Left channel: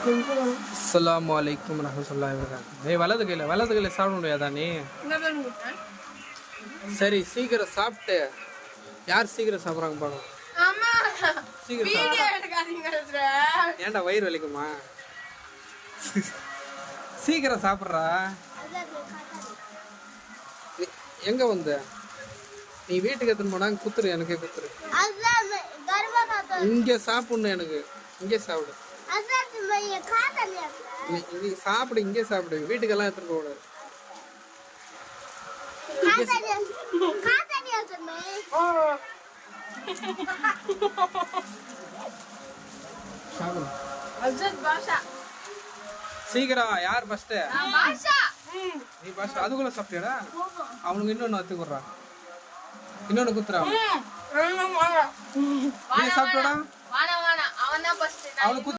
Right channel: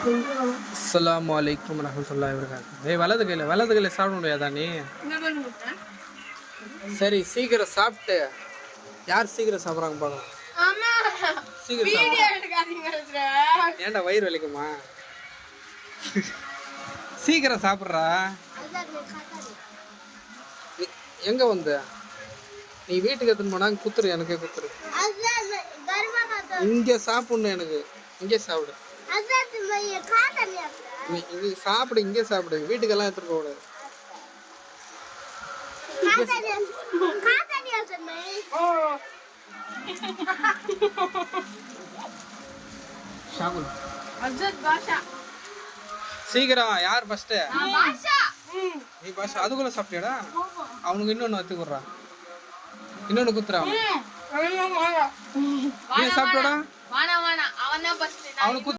அஸ்ஸலாமு அலைக்கும் வரஹ்மத்துல்லாஹி வபரகாத்துஹு. ஏய் வலது கையில சாப்பிட முடியாதா நீ? சரி சீக்கிரம் சாப்பிட்டு. யார் சீக்கிரம் சாப்பிட்றாங்க பாருங்க. சீக்கிரம் ஏன்டா வயிறு வலிக்குமா? சீக்கிரம் சாப்பிட்றா. எங்க வந்து நீ வீட்டுக்கு எடுத்துன்னு போனா குத்துரு, எனக்கே குத்துரு. இங்க சாப்பிடணும், எனக்கு இங்கே சாப்பிடு. நீ சாப்பிடு, இங்கே சாப்பிடு, வீட்டுக்கெல்லாம் எடுத்துட்டு போக கூடாது. சீக்கிரம் யார் ஃபர்ஸ்ட்? நீ பாஷா அதுக்குள்ள சாப்பிட்டியாடா? அவனுக்கு இன்னொன்னு வத்து குடுறா, இன்னொன்னு குத்துறா. நீ சாப்பிட்டோடா, அவனுக்கு